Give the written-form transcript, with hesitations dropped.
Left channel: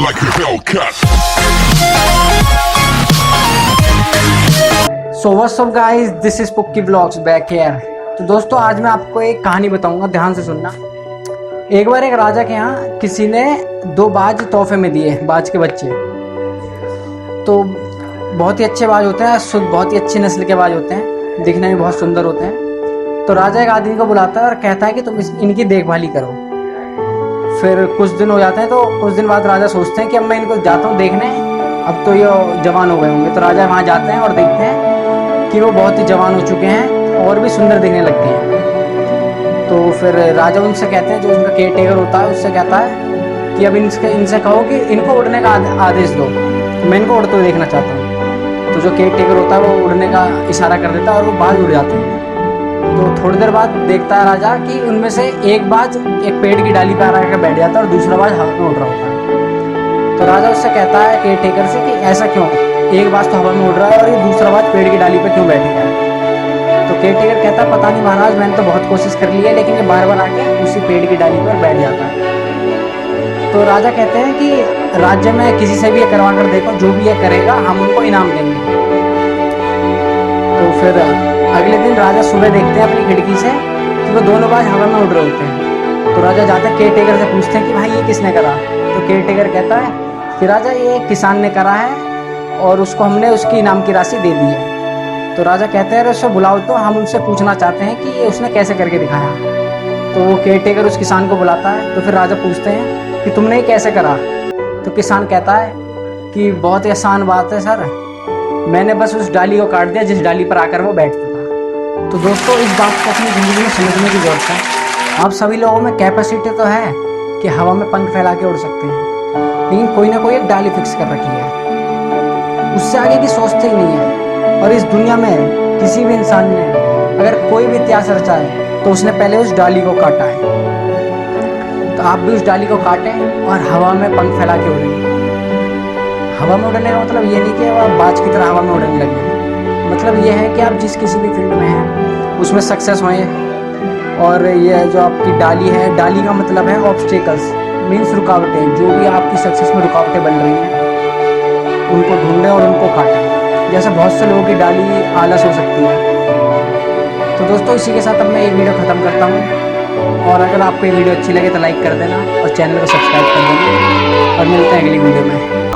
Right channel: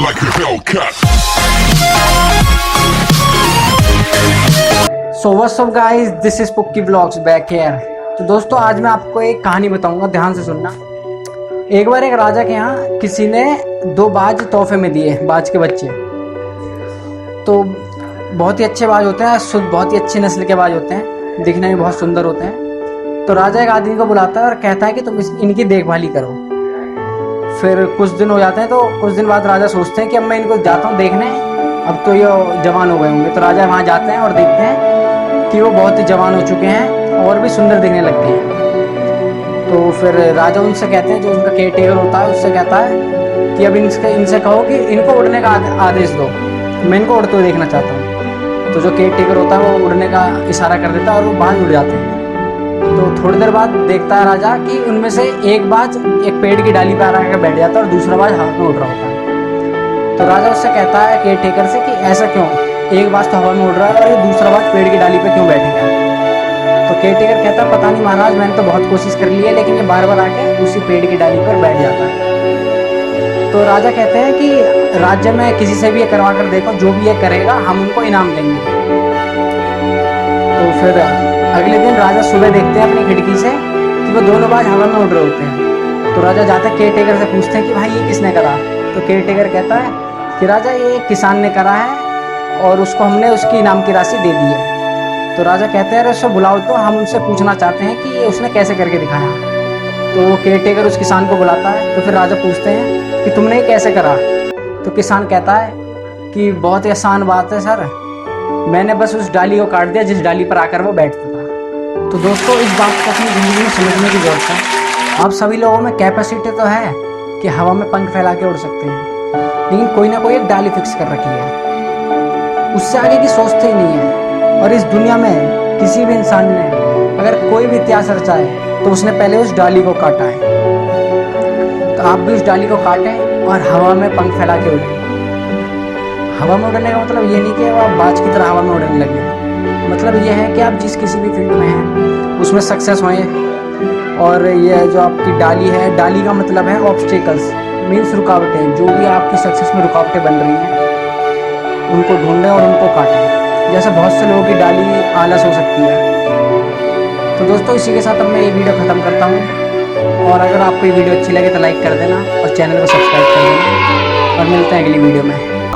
like a Hellcat. So what's up guys, this is Pukki vlogs back here. तो दोस्तों, आज मैं आपको एक कहानी बताऊंगा, ध्यान से सुनना। एक बार एक राजा के यहाँ किसी ने 2 बाज तोहफे में दिए, बाज के बच्चे। तो बहुत ही अच्छे बाज होते हैं, शुद्ध बहुत ही अच्छी नस्ल के बाज होते हैं, दिखने में बहुत सुंदर होते हैं। तो राजा एक आदमी को बुलाता है और कहता है कि तुम इनकी देखभाल करो। फिर कुछ दिन हो जाते हैं, तो कुछ दिन बाद राजा सोचते हैं कि अब मैं इनको जाता हूँ देखने, अब तो ये जवान हो गए होंगे। तो राजा वहाँ जाते हैं और देखते हैं कि वो बहुत ही जवान हो चुके हैं और भी सुंदर दिखने लगते हैं। तो फिर राजा उनसे कहते हैं, जो उनका केयर टेकर होता है उससे कहता है कि अब इनसे कहो कि इनको उड़ने का आदेश दो, मैं इनको उड़ते हुए देखना चाहता हूँ। तो जो केयर टेकर होता है वो उड़ने का इशारा कर देता है और वो बाज उड़ जाते हैं। तो थोड़ी देर बाद देखता है राजा कि उनमें से एक बाज एक पेड़ की डाली पर आकर बैठ जाता है और दूसरा बाज हवा में उड़ रहा होता है। तो राजा उससे कहता है केयर टेकर से कि ऐसा क्यों, एक बाज तो हवा में उड़ रहा है और ये दूसरा बाज पेड़ की डाली पे क्यों बैठ गया है। तो केयर टेकर कहता है, पता नहीं महाराज, मैंने तो बहुत कोशिश कर ली है, लेकिन ये बार बार आके उसी पेड़ की डाली पर बैठ जाता है। तो राजा कहते हैं कि राज्य में किसी से भी ये करवा कर देखो, जो भी ये करेगा हम उनको इनाम देंगे। तो फिर अगले दिन राजा सुबह देखते हैं अपनी खिड़की से कि वो दोनों बाज हवा में उड़ रहे होते हैं। तो राजा जाते हैं केयर टेकर से पूछते हैं कि भाई ये किसने करा। तो केयर टेकर कहता है कि राजा ये एक किसान ने करा है और उसको हमने उसकी इनाम की राशि दे दी है। तो राजा कहते हैं, अरे उसको बुलाओ, तो हम उनसे पूछना चाहते हैं कि ये उसने कैसे करके दिखाया। तो वो केयर टेकर उस किसान को बुलाता है। तो फिर राजा पूछते हैं कि तुमने ये कैसे करा। तो किसान कहता है कि बहुत ही आसान बात है सर, मैंने बस उस डाली को काट दिया जिस डाली पर आकर वो बैठता था। तो दोस्तों, इस बात को अपनी ज़िंदगी में समझने की ज़रूरत है। आप सभी लोगों में कैपेसिटी तो है कि हवा में पंख फैला के उड़ सकते हैं, लेकिन कोई ना कोई एक डाली फिक्स कर रखी है, उससे आगे की सोचते ही नहीं है। और इस दुनिया में किसी भी इंसान ने अगर कोई भी इतिहास रचा है तो उसने पहले उस डाली को काटा है। तो आप भी उस डाली को काटें और हवा में पंख फैला के उड़ें। हवा में उड़ने का मतलब ये नहीं कि आप बाज की तरह हवा में उड़ने लग जाए। मतलब ये है कि आप जिस किसी भी फील्ड में हैं उसमें सक्सेस होएं। और ये जो आपकी डाली है, डाली का मतलब है ऑब्स्टेकल्स, मीन्स रुकावटें। जो भी आपकी सक्सेस में रुकावटें बन रही हैं उनको ढूंढें और उनको काटें। जैसे बहुत से लोगों की डाली आलस हो सकती है। तो दोस्तों, इसी के साथ अब मैं ये वीडियो ख़त्म करता हूँ। और अगर आपको ये वीडियो अच्छी लगे तो लाइक कर देना और चैनल को सब्सक्राइब कर देना, और मिलते हैं अगली वीडियो में।